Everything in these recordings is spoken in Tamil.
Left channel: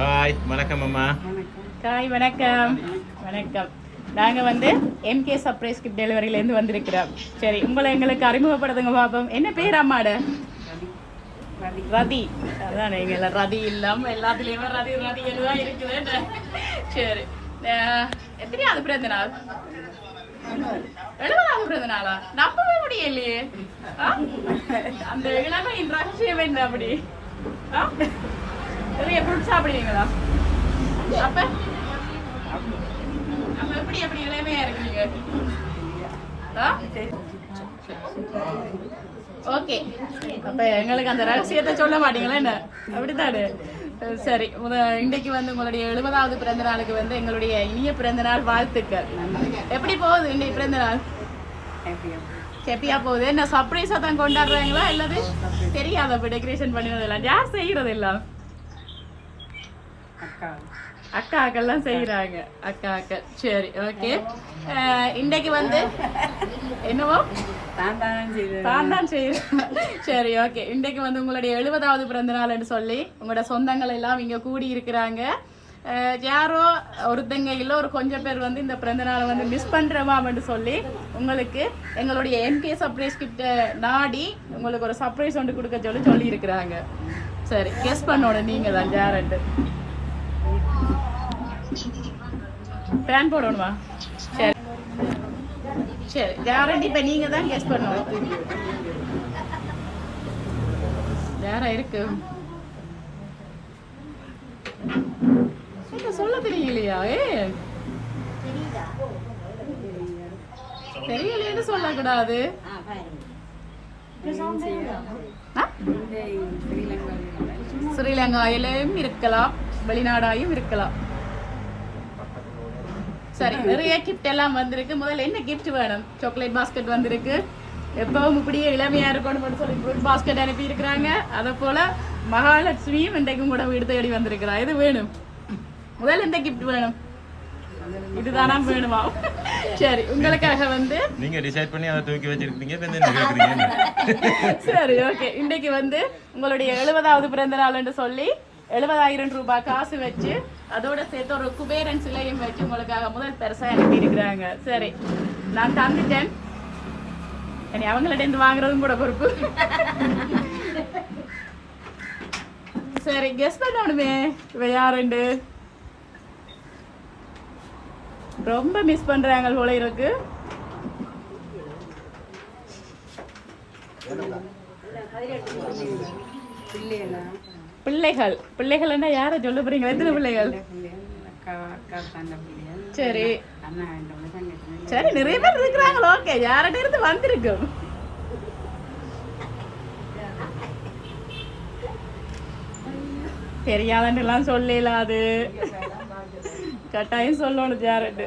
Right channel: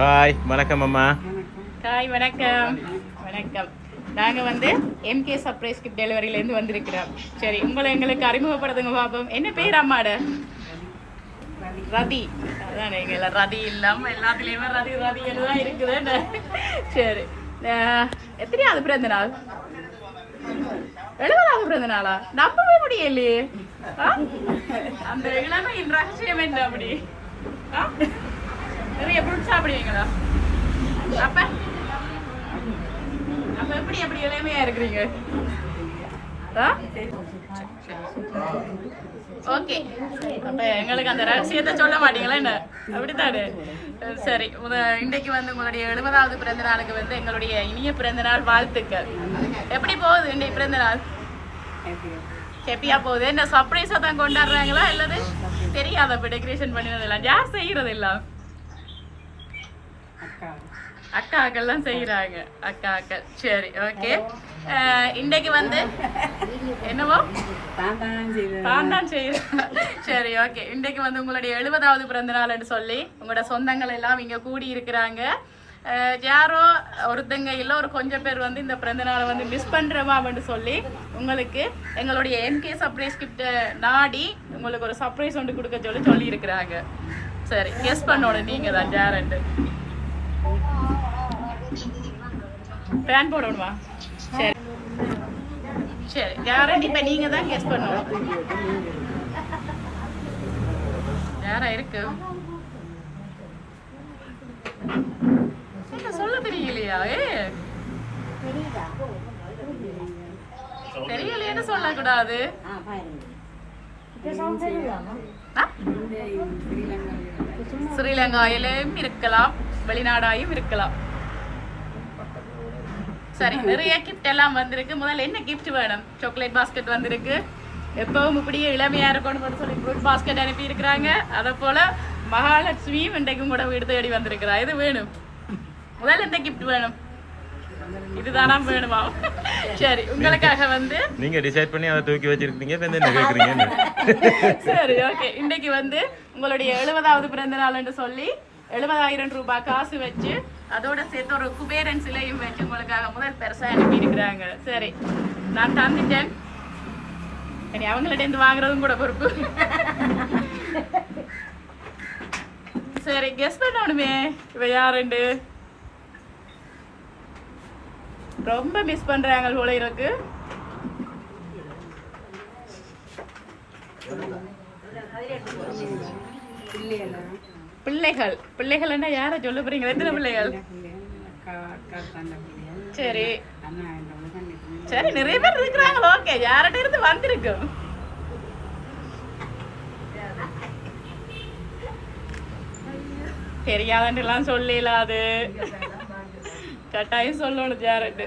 ஹாய் வணக்கம் அம்மா. ஹாய் வணக்கம் வணக்கம். நாங்கள் வந்து எம்கே சர்ப்ரைஸ் கிஃப்ட் டெலிவரியிலேருந்து வந்திருக்கிறோம். சரி, உங்களை எங்களுக்கு அறிமுகப்படுத்துங்க பாப்போம். என்ன பேர் அம்மாட? ரதி. அதான் எங்களை ரதி இல்லாமல் எல்லாத்துலேயுமே ரதி ரதி எல்லாம் இருக்குது. சரி, எத்தனையாவது பிறந்த நாள்? 70வது பிறந்த நாளா? நம்பவே முடியலையே. அந்த இளமை ரகசியம் என்ன அப்படி? நிறைய ஃப்ரூட் சாப்பிடுவீங்களா? அப்ப அப்ப எப்படி எப்படி இளமையா இருக்கிறீங்க? ஓகே, அப்ப எங்களுக்கு அந்த ரகசியத்தை சொல்ல மாட்டீங்களா என்ன? அப்படித்தானே. சரி, இன்றைக்கு வந்து உங்களுடைய 70வது பிறந்த நாளுக்கு வந்து எங்களுடைய இனிய பிறந்த நாள் வாழ்த்துக்கள். எப்படி போகுது இன்றைக்கு பிறந்த நாள்? ஹாப்பியா போகுது. என்ன சர்ப்ரைஸா தான் கொண்டாடுறாங்களா இல்லது தெரியாத அப்ப டெக்கரேஷன் பண்ணினதெல்லாம் யார் செய்யறது எல்லாம்? அக்காக்கெல்லாம் செய்யறாங்க. அக்காக்கள். சரி, ஓகே. இன்னைக்கு வந்து என்னவோ தான் தான் செய்யறாங்க. சரி, ஓகே. இன்னைக்கு வந்து உங்களுடைய 70வது பிறந்த நாள்னு சொல்லி உங்களோட சொந்தங்கள் எல்லாம் இங்க கூடி இருக்கிறாங்க. யாரோ ஒருத்தங்க இல்லை ஒரு கொஞ்சம் பேர் வந்து இந்த பிறந்த நாளை வந்து மிஸ் பண்றோமா அப்படின்னு சொல்லி உங்களுக்கு எங்களுடைய எம்கே சர்ப்ரைஸ் கிஃப்ட் நாடி உங்களுக்கு ஒரு சர்ப்ரைஸ் ஒன்று கொடுக்க சொல்லி இருக்கிறாங்க. சரி, கெஸ் பண்ணோட நீங்க தான் யாருன்னு. ஃபேன் போடணுமா? சரி சரி, கேரண்டி இப்போ நீங்க தான் கெஸ் பண்ணணும். யாரா இருக்கு? சொல்ல தெரியலையா? தெரியலையேன்னு சொல்லக்கூடாது. ஸ்ரீலங்காயிலும் இருக்கலாம், வெளிநாடாயும் இருக்கலாம். சரி, நிறைய கிஃப்ட் எல்லாம் வந்திருக்கு. முதல்ல என்ன கிஃப்ட் வேணும்? சாக்லேட் பாஸ்கெட் வந்திருக்கு. எப்பவும் இப்படியே இளமையா இருக்கணும்னு சொல்லி ஃப்ரூட் பாஸ்கெட் அனுப்பி இருக்கிறாங்க. அதை போல மகாலட்சுமியும் இன்றைக்கும் கூட வீடு தேடி வந்திருக்கிறா. இது வேணும். முதல்ல எந்த கிஃப்ட் வேணும்? இதுதானா வேணுமா? சரி, உங்களுக்காக வந்து நீங்க டிசைட் பண்ணி அதை தூக்கி வச்சிருக்கீங்க. இப்ப என்ன கேக்குறீங்க? சரி, ஓகே. இன்னைக்கு வந்து உங்களுடைய 70வது பிறந்த நாள் என்று சொல்லி 70,000 ரூபாய் காசு வச்சு அதோட சேர்த்து ஒரு குபேரன் சிலையும் வச்சு உங்களுக்காக முதல் பெருசா அனுப்பி இருக்கிறாங்க. சரி, நான் தந்துட்டேன். அவங்கள்ட்ட இருந்து வாங்குறதும் கூட பொறுப்பு. சரி, கெஸ் பண்ணணுமே இவ யாருண்டு. ரொம்ப மிஸ் பண்றாங்க போல இருக்கு. பிள்ளைகள். பிள்ளைகள்னா யாரை சொல்ல போறீங்க? எத்தனை பிள்ளைகள்? சரி சரி, நிறைய பேர் இருக்கிறாங்க. ஓகே, யார்கிட்ட இருந்து வந்திருக்கும்? தெரியாதுன்னு எல்லாம் சொல்லல, அது கட்டாயம் சொல்லணும் யார்கிட்ட.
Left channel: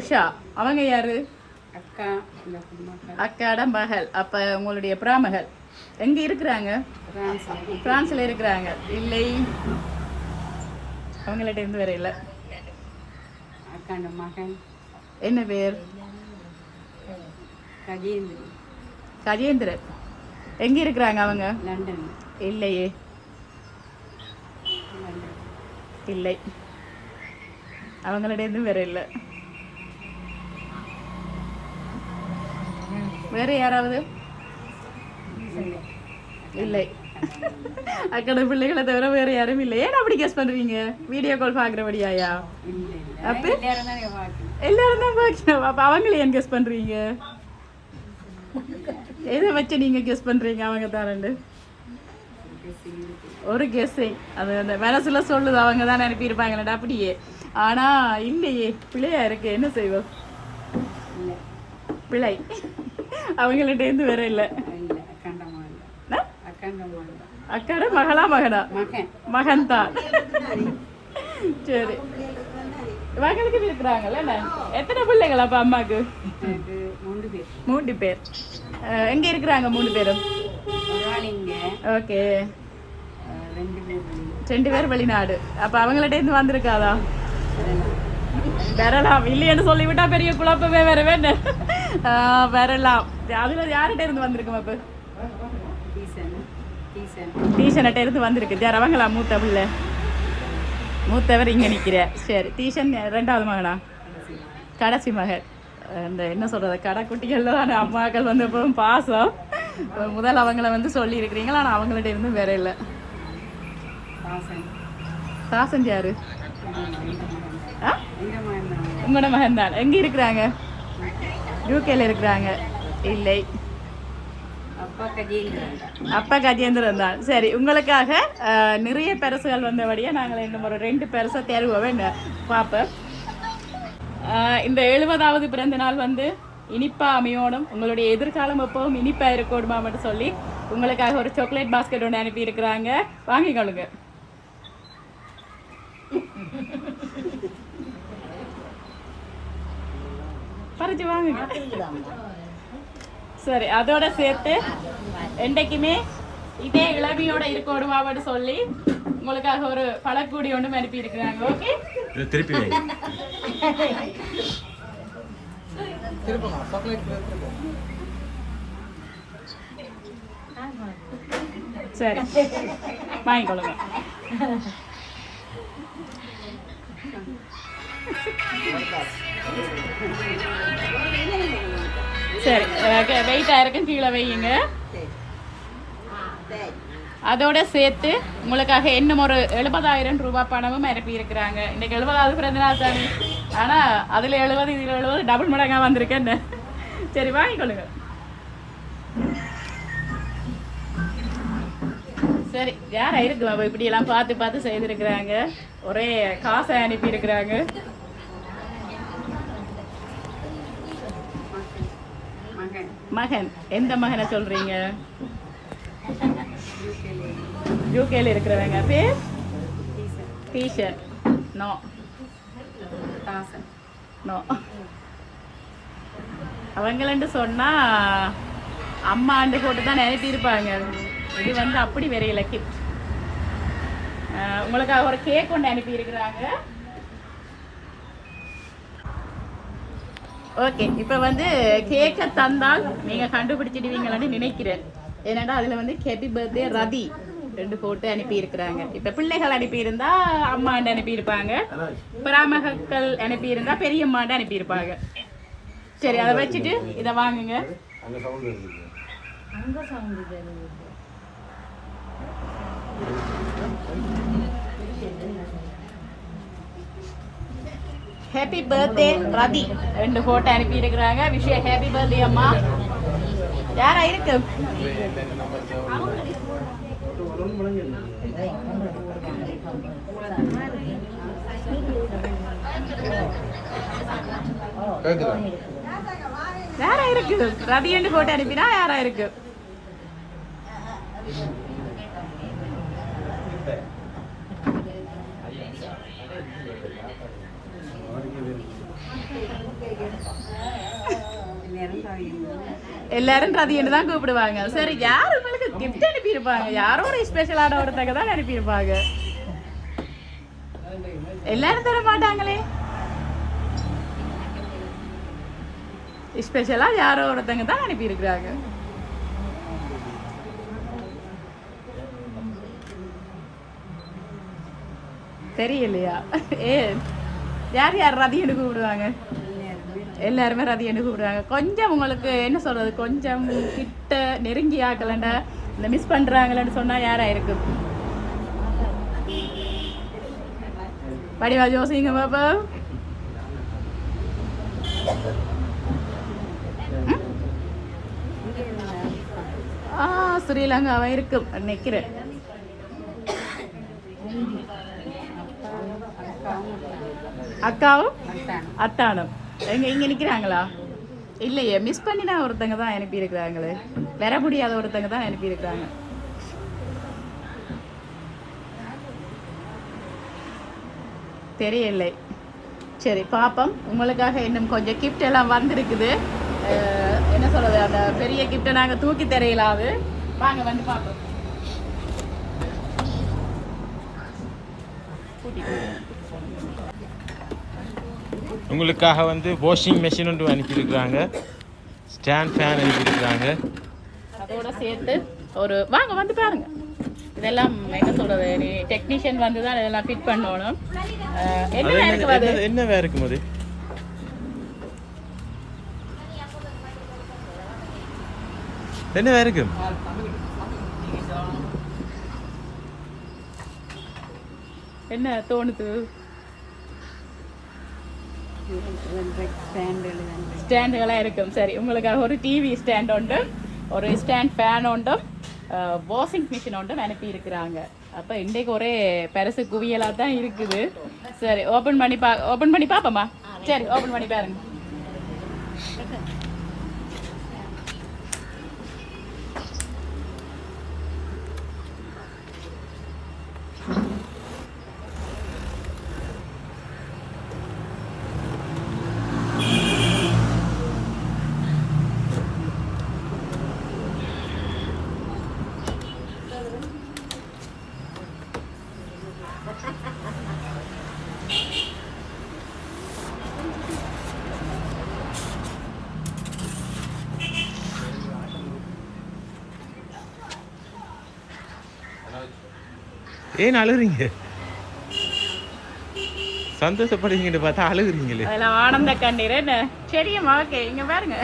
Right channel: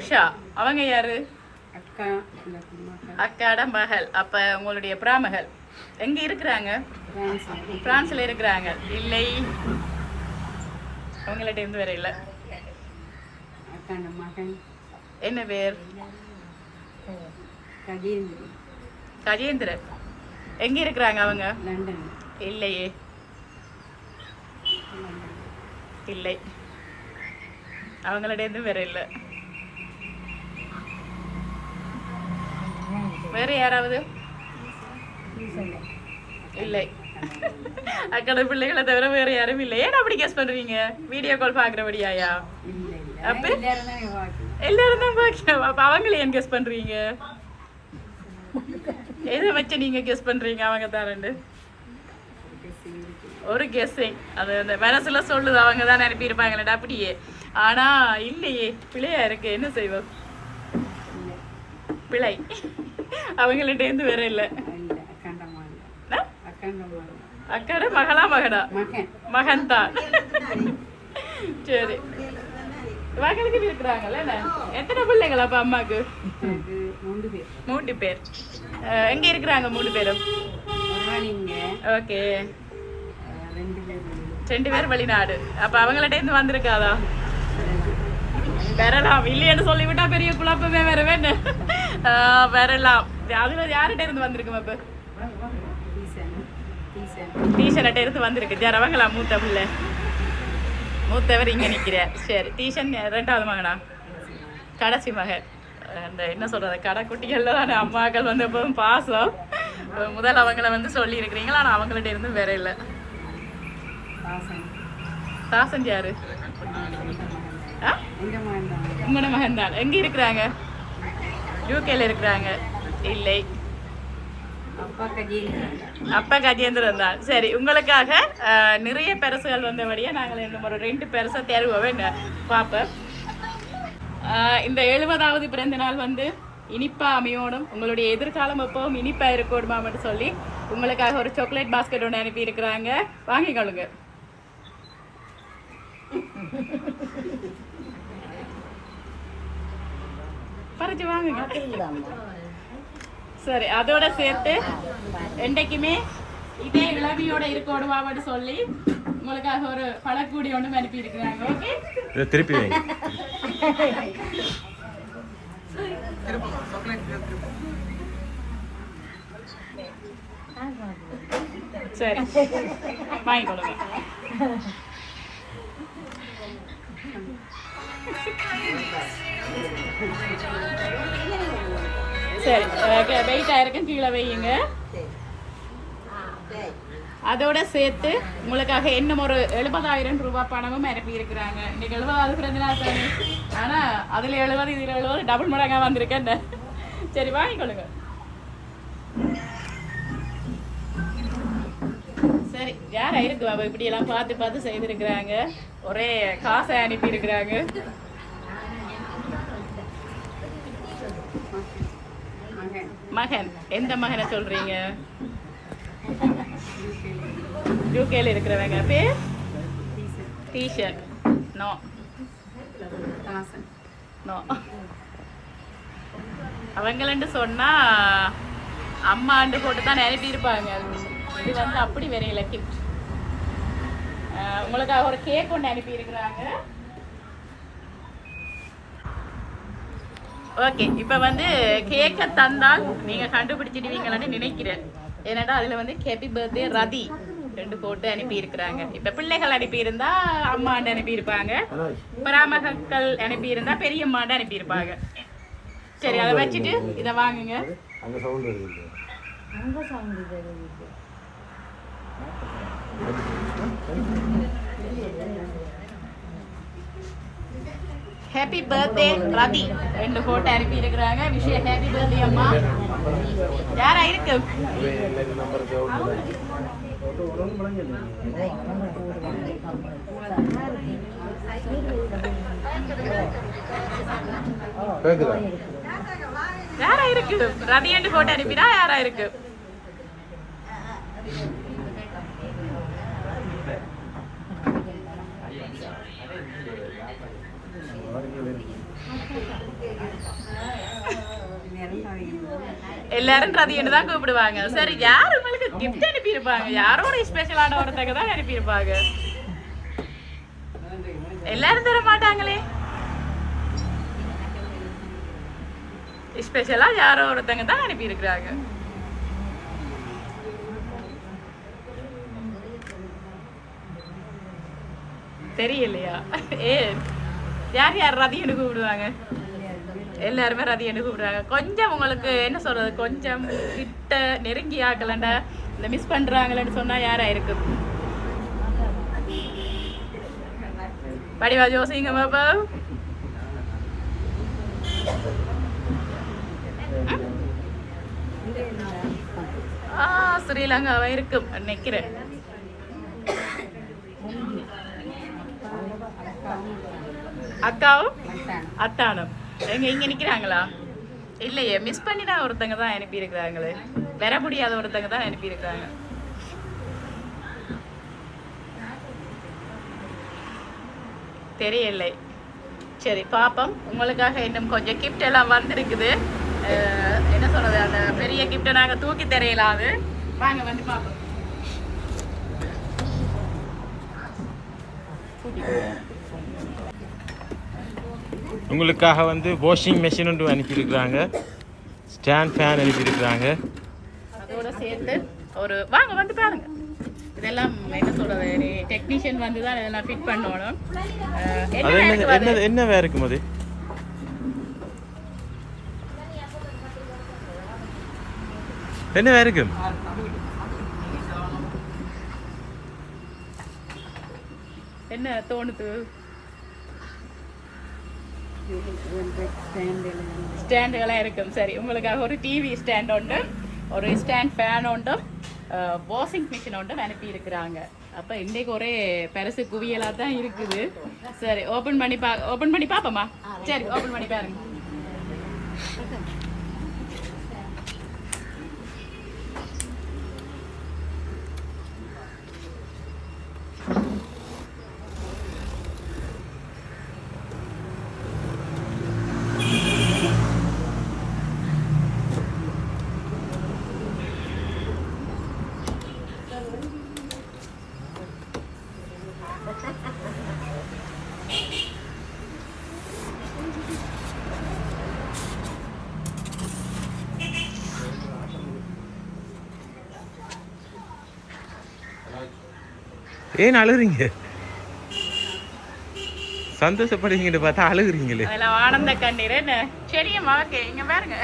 உஷா அவங்க யாரு? அக்காட மகள். அப்ப உங்களுடைய பிராமகள் எங்க இருக்கிறாங்க? பிரான்ஸ்ல இருக்கிறாங்க. இல்லை, அவங்கள்ட்ட இருந்து வேற இல்ல. மகன் என்ன பேர்? கஜேந்திரன். எங்க இருக்கிறாங்க அவங்க? லண்டன். இல்லையே, இல்லை, அவங்களோட இருந்து வேற இல்லை. வேற யாராவது? இல்லை, அக்கட பிள்ளைகளை தவிர வேற யாரும் இல்லை. ஏன் அப்படி கெஸ் பண்றீங்க? வீடியோ கால் பாக்குறபடியாயா? அப்ப எல்லாரும் தான் பாக்கணும். அப்ப அவங்களே ஏன் கெஸ் பண்றீங்க? எதை வச்சு நீங்க கெஸ் பண்றீங்க? அவங்க தான் ரெண்டு ஒரு கெஸ்ஸிங். அது அந்த மனசுல சொல்லுது, அவங்க தான் அனுப்பியிருப்பாங்களா அப்படியே. ஆனா இல்லையே, பிழையா இருக்கு. என்ன செய்வோம்? பிழை அவங்கள்ட்ட இருந்து வேற இல்ல. அக்கட மகளா? மகனா? மகன் தான். சரி, மகளுக்கு இருக்கிறாங்கல்ல. எத்தனை பிள்ளைங்களா அப்ப அம்மாக்கு? 3 பேர். எங்க இருக்கிறாங்க 3 பேரும்? ஓகே, 2 பேர் வெளிநாடு. அப்ப அவங்கள்ட்ட இருந்து வந்திருக்காதா? வரலாம். இல்லைன்னு சொல்லிவிட்டா பெரிய குழப்பமே வேற வேண்டாம். வரலாம். அதுல யார்கிட்ட இருந்து வந்திருக்கோம்? அப்ப டீஷன்கிட்ட இருந்து வந்திருக்கு. யார் அவங்களா? மூத்த பிள்ளை, மூத்தவர் இங்க நிக்கிற. சரி, டீஷன் 2வது மகனா? கடைசி மகன். அந்த என்ன சொல்றது, கடைக்குட்டிகள்ல தான் அம்மாக்கள் வந்து எப்பவும் பாசம். முதல் அவங்கள வந்து சொல்லி இருக்கிறீங்களா? ஆனால் அவங்கள்ட்ட இருந்து வேற இல்லை. தாசன் யாரு? உங்களோட மகன் தான். எங்க இருக்கிறாங்க? யூகேல இருக்கிறாங்க. இல்லை, அப்பா கஜேந்திரன் தான். சரி, உங்களுக்காக நிறைய பரிசுகள் வந்தபடியா நாங்கள் இன்னும் ஒரு 2 பரிசை தேர்வோம் பார்ப்போம். இந்த 70வது பிறந்த நாள் வந்து இனிப்பா அமையோடும், உங்களுடைய எதிர்காலம் எப்பவும் இனிப்பா இருக்கணுமா மட்டும் சொல்லி உங்களுக்காக ஒரு சாக்லேட் பாஸ்கெட் ஒன்று அனுப்பி இருக்கிறாங்க. வாங்கிக்கொள்ளுங்க. பறிச்சு வாங்குங்க. சரி, அதோட சேர்த்து என்றைக்குமே இதே இளமையோட இருக்கணுமான்னு சொல்லி உங்களுக்காக ஒரு பழக்கூடி ஒன்றும் அனுப்பி இருக்கிறாங்க. ஓகே, திருப்பி வைங்க. சரி, வாங்கிக்கொள்ளுங்க. சரி, வெயிட் ஆயிருக்கும், கீழே வையுங்க. அதோட சேர்த்து உங்களுக்காக இன்னும் ஒரு 70,000 ரூபாய் பணமும் அனுப்பி இருக்கிறாங்க. இன்னைக்கு 70வது பிறந்த நாள் தானே, ஆனா அதுல 70 இதுல 70 டபுள் மடங்கா வந்திருக்கேன். சரி, வாங்கிக்கொள்ளுங்க. சரி, யாரா இருக்கு அவ இப்படி எல்லாம் பார்த்து பார்த்து செய்திருக்கிறாங்க. ஒரே காசை அனுப்பி இருக்கிறாங்க. மகன். எந்த மகனை சொல்றீங்க? யூகேல இருக்கிறவங்க. பேர்? டீச்சர். No, no. அவங்களன்னு சொன்னா அம்மாண்டு போட்டு தான் அனுப்பியிருப்பாங்க. இது வந்து அப்படி வரையில கிஃப்ட். உங்களுக்காக ஒரு கேக் கொண்டு அனுப்பி இருக்கிறாங்க. ஓகே, இப்போ வந்து கேக்கை தந்தால் நீங்க கண்டுபிடிச்சிடுவீங்களான்னு நினைக்கிறேன். ஏன்னா அதுல வந்து ஹேப்பி பர்த்டே ரதி 2 போட்டு அனுப்பி இருக்கிறாங்க. இப்ப பிள்ளைகள் அனுப்பி இருந்தா அம்மாண்டு அனுப்பி இருப்பாங்க, பராமகர்கள் அனுப்பி இருந்தா பெரியம்மாண்டு அனுப்பி இருப்பாங்க. சரி, அதை வச்சுட்டு இதை வாங்குங்க. ஹேப்பி பர்த்டே ரதி 2 போட்டோ அனுப்பி இருக்கிறாங்க. விஷயம் ஹேப்பி பர்த்டே அம்மா. யாரா இருக்கு? யாரா இருக்கு ரதியண்டு போட்டு அனுப்பினா யாரா இருக்கு எல்லாரும் ரதியண்டு தான் கூப்பிடுவாங்க. சரி, யாரு உங்களுக்கு கிஃப்ட் அனுப்பி இருப்பாங்க? யாரோட ஸ்பெஷலான ஒருத்தங்க தான் அனுப்பி இருப்பாங்க. எல்லாரும் தர மாட்டாங்களே. ஸ்பெஷலா யாரோ ஒருத்தங்க தான் அனுப்பி இருக்கிறாங்க. தெரியலையா? ஏ யார் யார் ரதியண்டு கூப்பிடுவாங்க? எல்லாருமே ரதியண்டு கூப்பிடுவாங்க. கொஞ்சம் உங்களுக்கு என்ன சொல்றது, கொஞ்சம் கிட்ட நெருங்கி ஆக்கலண்டா இந்த மிஸ் பண்றாங்களேன்னு சொன்னா யாரா இருக்கு? படிமா ஜோசிங்க பாப்பா. ஸ்ரீலங்காவா இருக்கும் நினைக்கிறேன். அக்காவும் அத்தானும் இங்க நிக்கிறாங்களா? இல்லையே, மிஸ் பண்ணி தான் ஒருத்தங்க தான் அனுப்பி இருக்கிறாங்களே, வர முடியாத ஒருத்தங்க தான் அனுப்பி இருக்காங்க. தெரியல. சரி பாப்போம். உங்களுக்காக இன்னும் கொஞ்சம் கிஃப்ட் எல்லாம் வந்திருக்குது. என்ன சொல்றது, அந்த பெரிய கிஃப்ட்டை நாங்க தூக்கி தெரியலாது. வாங்க வந்து பாப்போம். உங்களுக்காக வந்து வாஷிங் மெஷின் ஒன்று அனுப்பியிருக்கிறாங்க, ஸ்டாண்ட் ஃபேன் அனுப்பியிருக்கிறாங்க. அதோட சேர்த்து ஒரு வாங்க வந்து பாருங்க. இதெல்லாம் என்ன சொல்றது, டெக்னீஷியன் வந்து தான் இதெல்லாம் ஃபிட் பண்ணணும். என்ன வேற இருக்கும் அது? என்ன வேற இருக்கும்? என்ன தோணுது? ஸ்டாண்டுகளாக இருக்கும். சரி, உங்களுக்காக ஒரு டிவி ஸ்டாண்ட் உண்டு, ஒரு ஸ்டாண்ட் ஃபேன் உண்டு, வாஷிங் மிஷின் உண்டு அனுப்பி இருக்கிறாங்க. அப்போ இன்றைக்கு ஒரே பரிசு குவியலாக தான் இருக்குது. சரி, ஓப்பன் பண்ணி பார்ப்போமா? சரி, ஓப்பன் பண்ணி பாருங்க. ஏன் அழுகுறீங்க? சந்தோஷப்படுறீங்கன்னு பார்த்தா அழுகுறீங்களே. ஆனந்த கண்ணீர் என்ன? சரிம்மா, ஓகே, இங்க பாருங்க.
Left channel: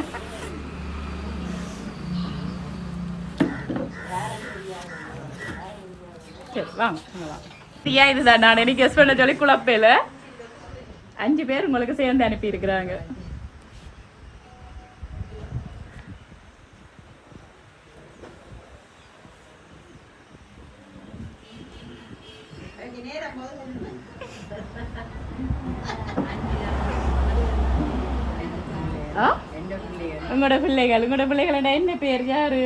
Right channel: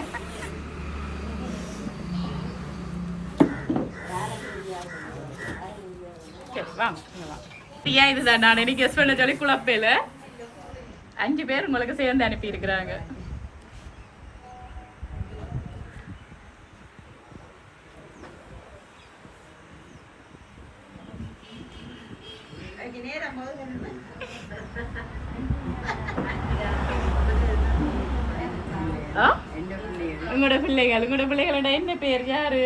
இதுதான் நான் எனக்கு கெஸ் பண்ண சொல்லி குழப்பையில 5 பேர் உங்களுக்கு சேர்ந்து அனுப்பி இருக்கிறாங்க. உங்களோட பிள்ளைகளோட என்ன பேர்? யாரு?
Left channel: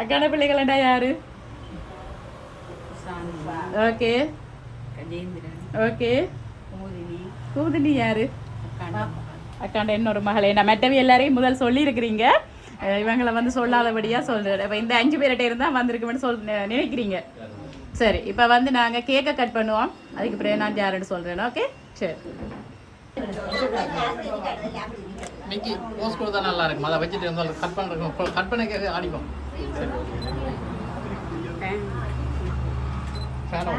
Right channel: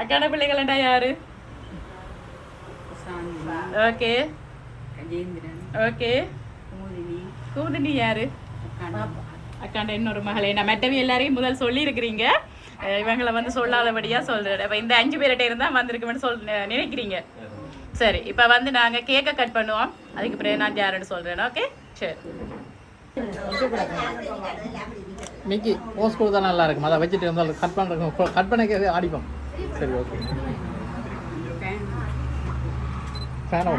அக்காட பிள்ளைகளோட யாரு? Okay okay. கூதினி யாரு? அக்காண்ட இன்னொரு மகளே. நான் மெட்டவி எல்லாரையும் முதல் சொல்லி இருக்கிறீங்க, இவங்களை வந்து சொல்லாதபடியா சொல்றேன். இப்போ இந்த 5 பேர்கிட்ட இருந்தா வந்திருக்குமென்னு நினைக்கிறீங்க. சரி, இப்போ வந்து நாங்கள் கேக்கை கட் பண்ணுவோம். அதுக்கு பிறகு நான் யாருன்னு சொல்கிறேன். ஓகே, சரி. மிக்கி போஸ்ட் கொடுத்தா நல்லா இருக்கும். அதை வச்சுட்டு இருந்தாலும் கட் பண்ணிக்கிறது ஆடிப்போம். சரி,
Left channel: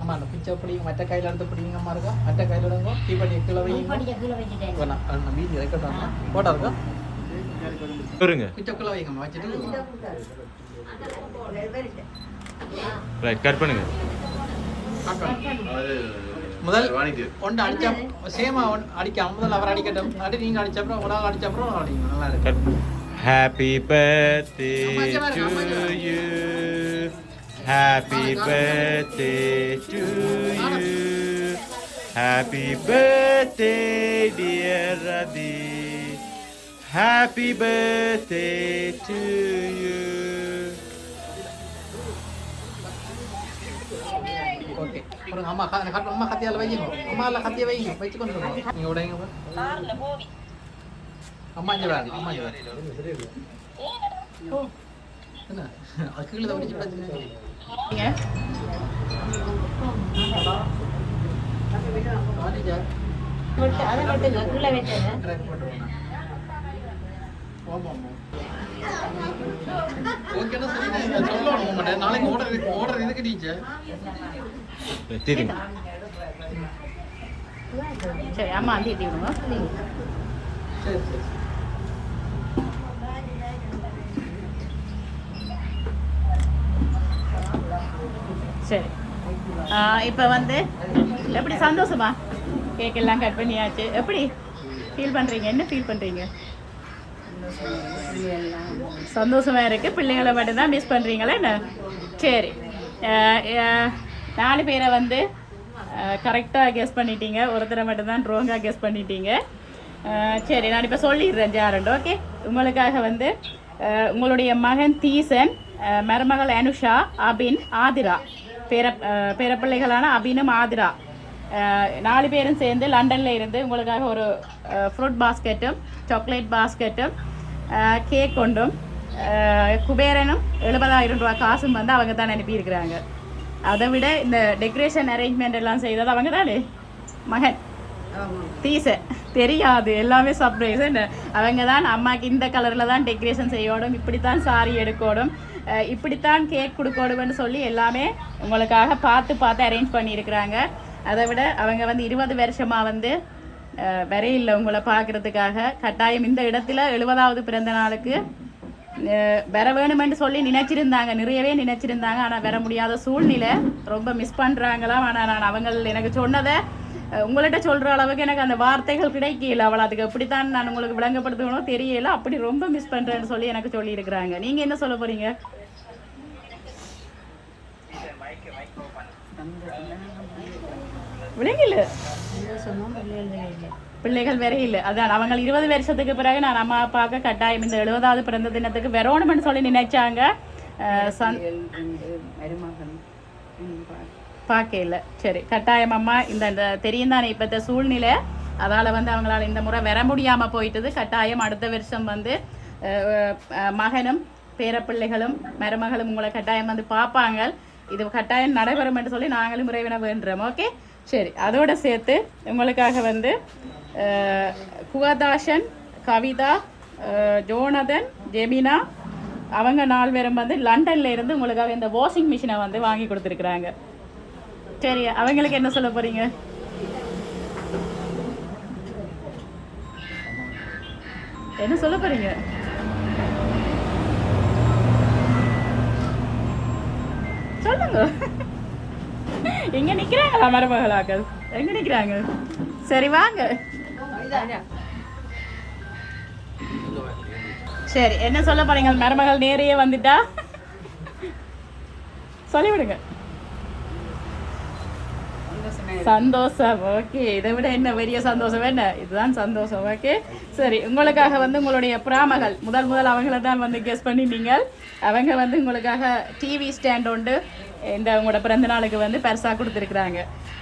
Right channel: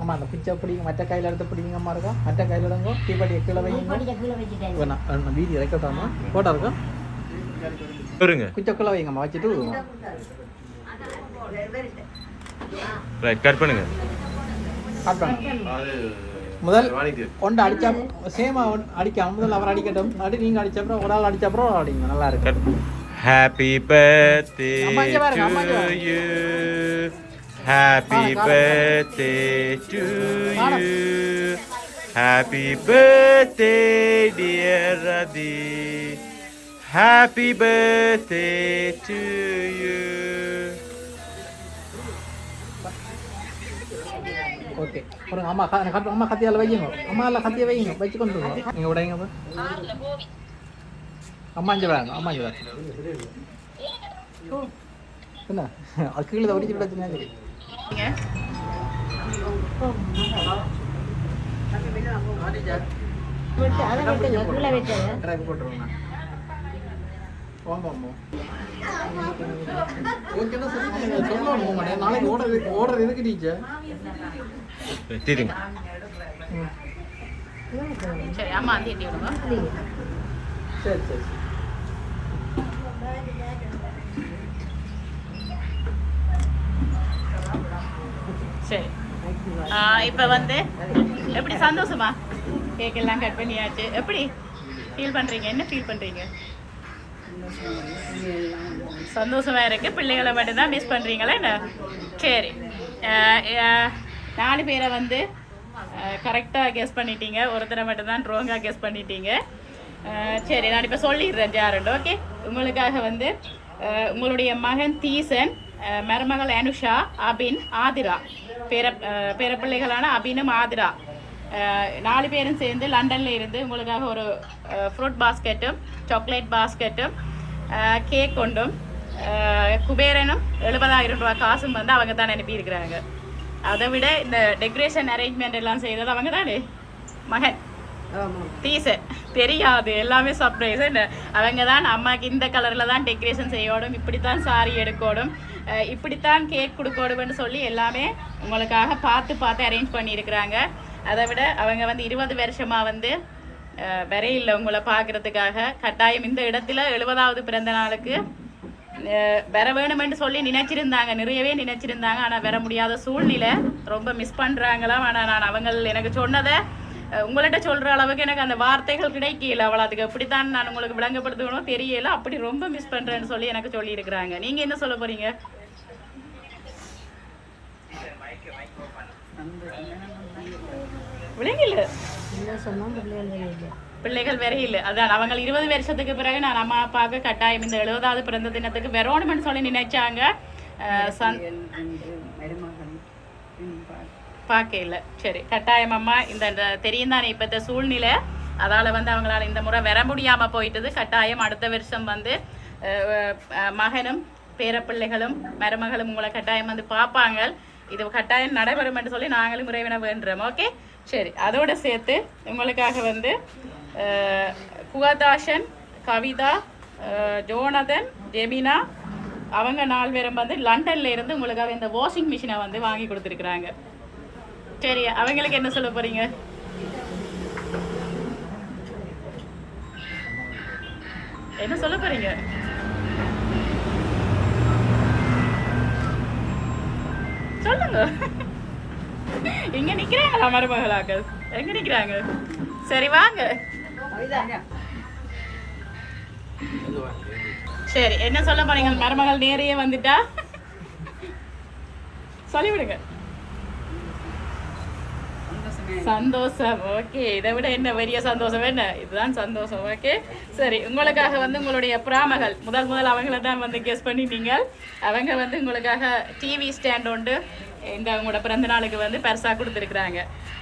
அம்மா அந்த பிச்சை பிடிங்க, மற்ற கையில் எடுத்து பிடிங்க. அம்மா இருக்கா மற்ற கையில் எடுங்க. தீபாவளி கீழே வைங்க. வீதி ரெக்கார்ட் போட்டோ இருக்கும். பிச்சைக்குள்ள வைங்கம்மா வச்சுட்டு ரைட் கட் பண்ணுங்க. முதல் ஒன்று அடிச்சா சேமா அடிக்காம முதல்ல அவர் அடிக்கட்டும், அடி நீங்க அடிச்சப்பறம் ஒரு ஆள் அடிச்சப்பறம் அடிங்க, நல்லா இருக்கு. Happy birthday to you. Happy birthday to you. Happy birthday dear Radhi. Happy birthday to you. Okay, அம்மா அம்மா கத்தியால் வைங்க, அம்மாவில் கத்தியை வைங்க, வச்சு கொண்டு நீங்கள் உடைங்க. அம்மா இங்கே வராங்க, அம்மா இங்கே வராங்க. என்ன அது கீழே வடிச்சு பிரச்சனை. நாளைக்கு ஓடுறது எதுக்கு டீச்சர்? தெரியுங்க. சரி அம்மா அந்த சரி சரி சரி. இப்போ வந்து எப்படி சந்தோஷமா? கேக் எல்லாம் கட் பண்ணியாச்சு. எப்படி ஃபீல் பண்ணுறீங்க? என்ன ஃபீல் பண்ணுறீங்க? சந்தோஷமா இருக்கு. பிள்ளைகளை மட்டும்தான் மிஸ் பண்ணுறீங்களா என்ன? சரி, 4 பேரை வந்து கரெக்டாக கெஸ் பண்ணிட்டீங்க, ஒருத்தரை மட்டும்தான் ரோங்காக கெஸ் பண்ணிட்டீங்க. சரி, நான் இப்போ சொல்லிடுறேன் யாருண்டு. ஓகே, உங்களுக்காக வந்து உங்களுடைய மகன் தீசன், மருமகள் அனுஷா, அபின், ஆதிரா, பேரப்பிள்ளைகளான அபினும் ஆதிரா 4 பேரும் சேர்ந்து லண்டனில் இருந்து உங்களுக்காக ஒரு ஃப்ரூட் பாஸ்கெட்டும் சாக்லேட் பாஸ்கெட்டும் கேக் கொண்டும் குபேரனும் 70,000 ரூபாய் காசும் வந்து அவங்க தான் அனுப்பியிருக்கிறாங்க. அதை விட இந்த டெக்கரேஷன் அரேஞ்ச்மெண்ட் எல்லாம் செய்தது அவங்க தானே மகன் தீச. தெரியாது, எல்லாமே சர்ப்ரைஸ். அவங்க தான் அம்மாவுக்கு இந்த கலரில் தான் டெக்கரேஷன் செய்யணும், இப்படித்தான் சாரி எடுக்கணும், இப்படித்தான் கேக் கொடுக்கணும்னு சொல்லி எல்லாமே உங்களுக்காக பார்த்து அரேஞ்ச் பண்ணியிருக்கிறாங்க. அதை விட அவங்க வந்து 20 வருஷமாக வந்து வரையில் உங்களை பார்க்குறதுக்காக கட்டாயம் இந்த இடத்துல 70வது பிறந்த நாளுக்கு வர வேணுமென்று சொல்லி நினைச்சிருந்தாங்க, நிறையவே நினைச்சிருந்தாங்க. ஆனால் வர முடியாத சூழ்நிலை, ரொம்ப மிஸ் பண்ணுறாங்களாம். ஆனால் நான் அவங்க எனக்கு சொன்னதை உங்கள்கிட்ட சொல்கிற அளவுக்கு எனக்கு அந்த வார்த்தைகள் கிடைக்கல. அவள் அதுக்கு எப்படித்தான் நான் உங்களுக்கு விளங்கப்படுத்தணும் தெரியல, அப்படி ரொம்ப மிஸ் பண்ணுறேன்னு சொல்லி எனக்கு சொல்லியிருக்கிறாங்க. நீங்கள் என்ன சொல்ல போகிறீங்க? விளங்கல, பிள்ளைகள் வேற இல்லை. அதான் அவங்க 20 வருஷத்துக்கு பிறகு நான் அம்மா அப்பாவுக்கு கட்டாயம் இந்த 70வது பிறந்த தினத்துக்கு வரணும்னு சொல்லி நினைச்சாங்க. பார்க்கல. சரி, கட்டாயம் அம்மா இந்த தெரியும் தானே இப்போ இந்த சூழ்நிலை, அதால் வந்து அவங்களால இந்த முறை வர முடியாமல் போயிட்டது. கட்டாயம் அடுத்த வருஷம் வந்து மகனும் பேரப்பிள்ளைகளும் மருமகளும் உங்களை கட்டாயம் வந்து பார்ப்பாங்க. இது கட்டாயம் நடைபெறும் என்று சொல்லி நாங்களும் இறைவனை வேண்டுறோம். ஓகே, சரி. அதோடு சேர்த்து உங்களுக்காக வந்து குகதாசன், கவிதா, ஜோனதன், ஜெமினா அவங்க 4 பேரும் வந்து லண்டன்ல இருந்து உங்களுக்காக இந்த வாஷிங் மிஷினை வந்து வாங்கி கொடுத்துருக்குறாங்க. சரி, அவங்களுக்கு என்ன சொல்ல போறீங்க? என்ன சொல்ல போறீங்க? சொல்லுங்க. இங்க நிக்கிறாங்களா மருமகளாக்கள்? எங்க நிக்கிறாங்க? சரி வாங்க. சரி, என்ன சொல்ல போறீங்க? மருமகள் நேரையே வந்துட்டா சொல்லிவிடுங்க. சந்தோஷம். ஓகே, இதை விட என்ன பெரிய சந்தோஷம் என்ன? இதுதான் சந்தோஷம். ஓகே, சரி. உங்களுக்காக வந்து உங்களுடைய பிராமகள் முதல் அவங்கள தான் வந்து கெஸ் பண்ணிட்டீங்க. அவங்க வந்து உங்களுக்காக டிவி ஸ்டாண்ட் உண்டு இந்த உங்களோட பிறந்த நாளுக்கு வந்து பரிசா கொடுத்துருக்குறாங்க.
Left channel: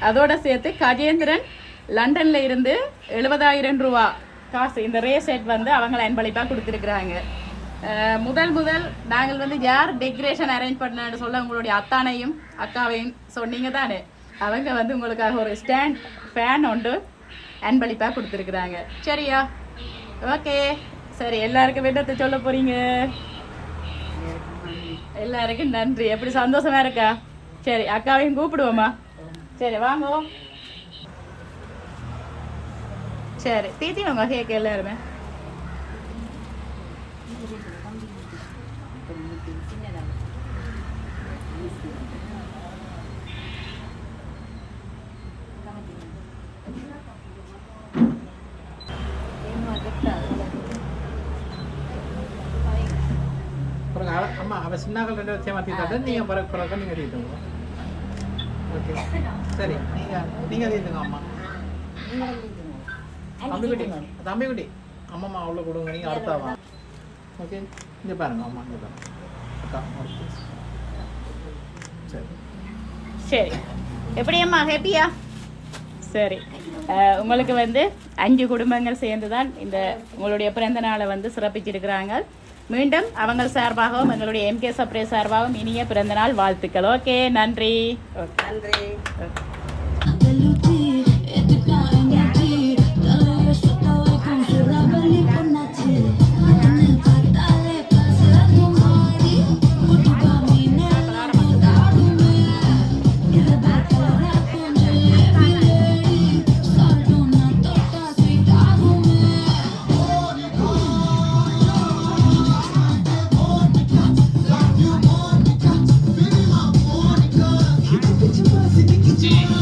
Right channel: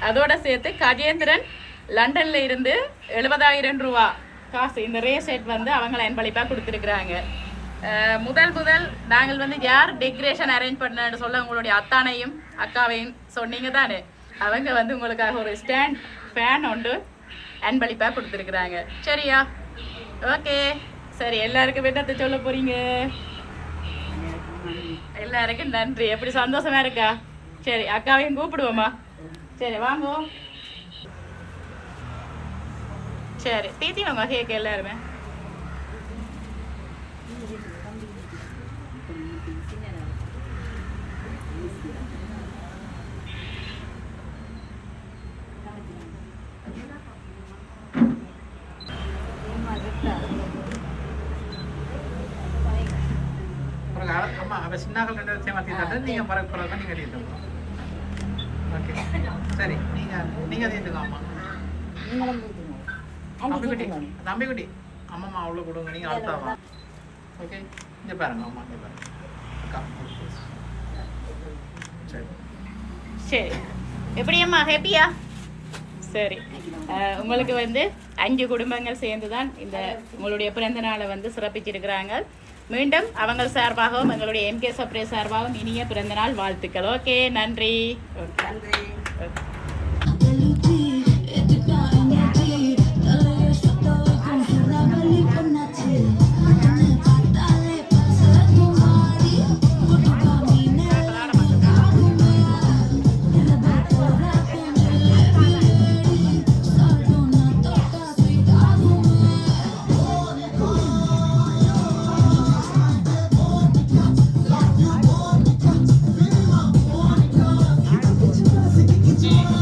அதோட சேர்த்து கஜேந்திரன் லண்டன்ல இருந்து 70,000 ரூபா காசு இந்த ரே செட் வந்து அவங்கள அன்பளிப்பாக கொடுத்துருக்குறாங்க. முதல் நாங்கள் வந்து யார் டெக்கரேஷன் அரேஞ்ச் பண்ணு சொல்ல உங்களுடைய அத்தானையும் அக்காவையும் சொன்னீங்க தானே, அவங்க வந்து உங்களுக்காக ஒரு ஸ்டாண்ட் ஃபேன் ஒன்று அன்பளிப்பாக கொடுத்துருக்குறாங்க. சரியா? ஓகே, சரி. எல்லாருக்கும் விடத்தை சொல்ல போறீங்க? எல்லாருக்கும் நன்றி. எப்படி சந்தோஷமா இருக்கா? சரி, அக்காவையும் கூப்பிடுவோமா? சரி வாங்க. சரி, தீத்தி வாங்க. கேட்க எல்லாருமே நாங்கள் 2 வருஷம் மாற்றிட்டு நீங்கள் பிறகு நீங்கள் தீட்டுங்க. ஓகே சரி நீங்கள் தீட்டுங்க அம்மா. தம்பி குட்டி அம்மா அவ்வளோ கொடுங்க நீங்கள் அடுத்தாங்க. ஓகே இங்கே பாருங்க அம்மா இங்கே பாருங்க அக்கா சரி சரி எப்படி அம்மா ஹேப்பியா? சரி உங்களுக்கு வந்து 5 குடும்பங்கள் சேர்ந்து தான் இந்த உங்களுடைய பிறந்த நாளை வந்து சிறப்பிச்சிருக்கிறாங்க. மீண்டும் அவங்க சார்பாகவும் எங்களுடைய MK சர்ப்ரைஸ் சார்பாகவும் இனிய பிறந்த நாள் வாழ்த்துக்கள். ஓகே நன்றி. Get you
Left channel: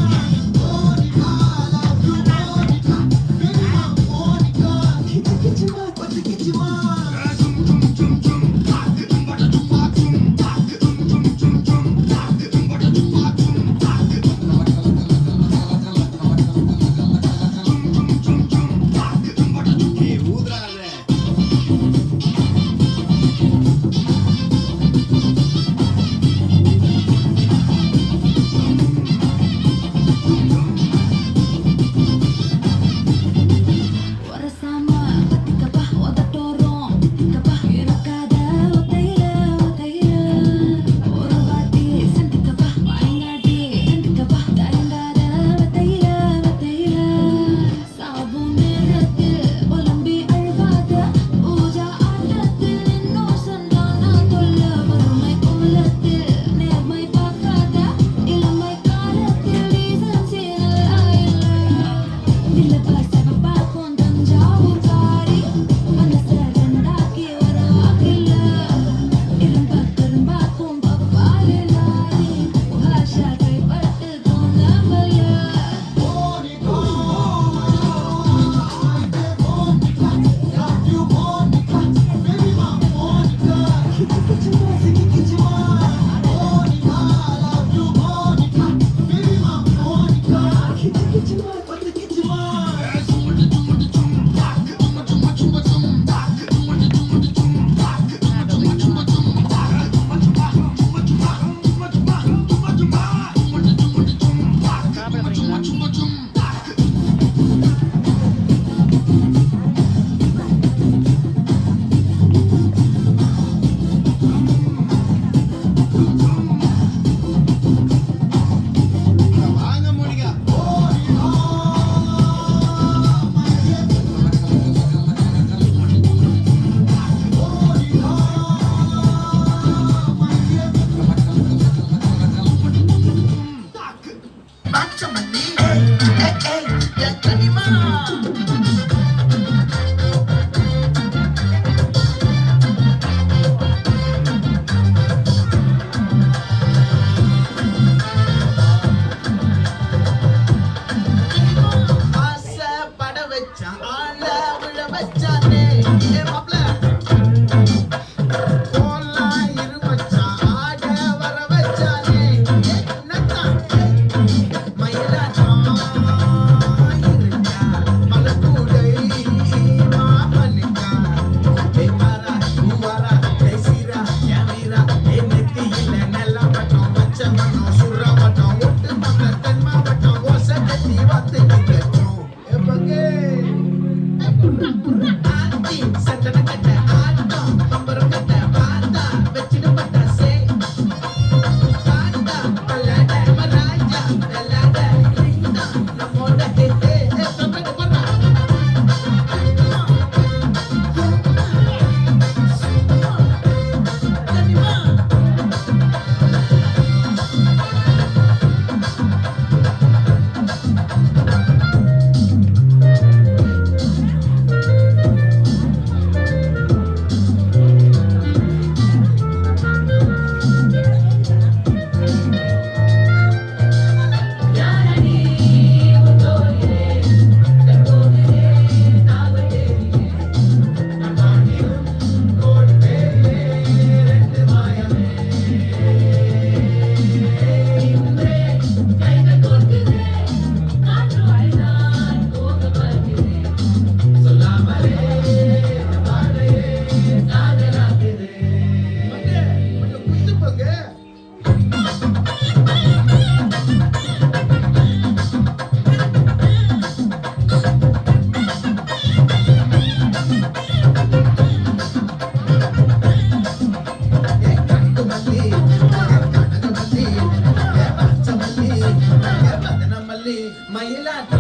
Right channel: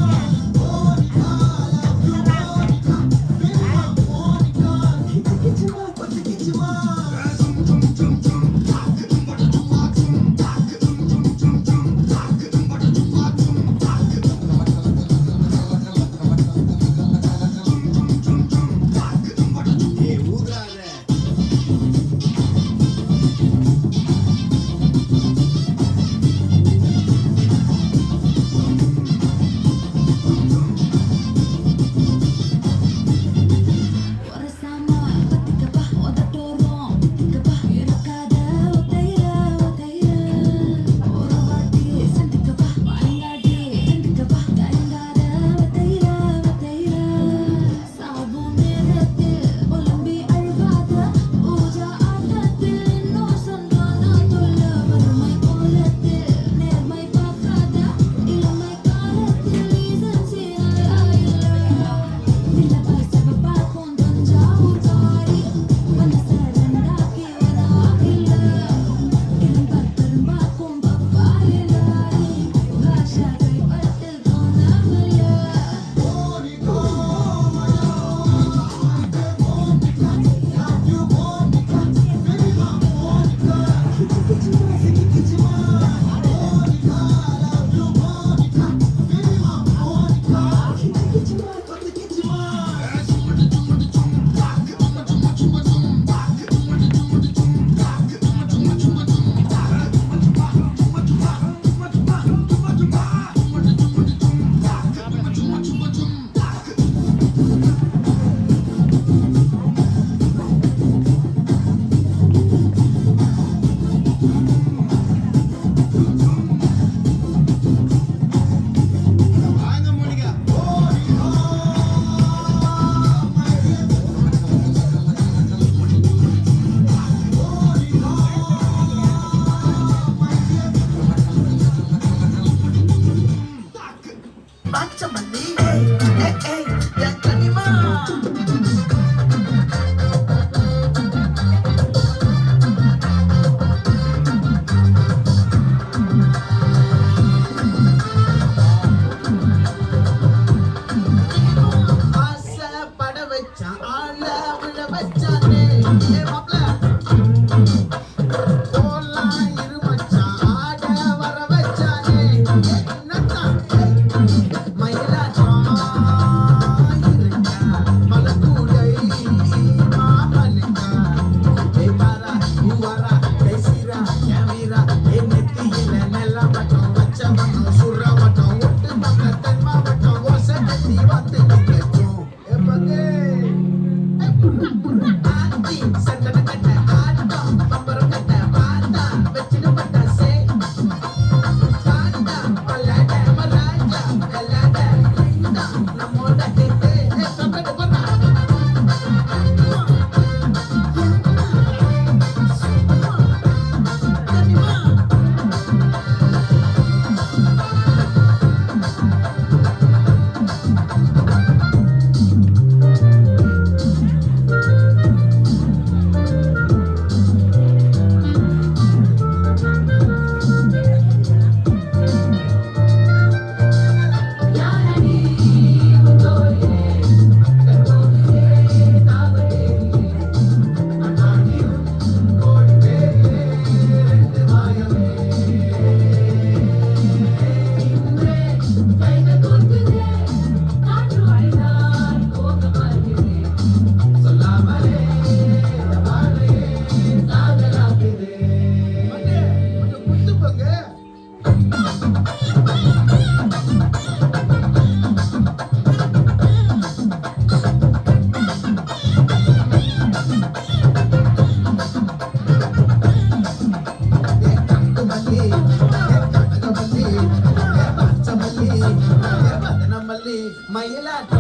மயிலாட்டம்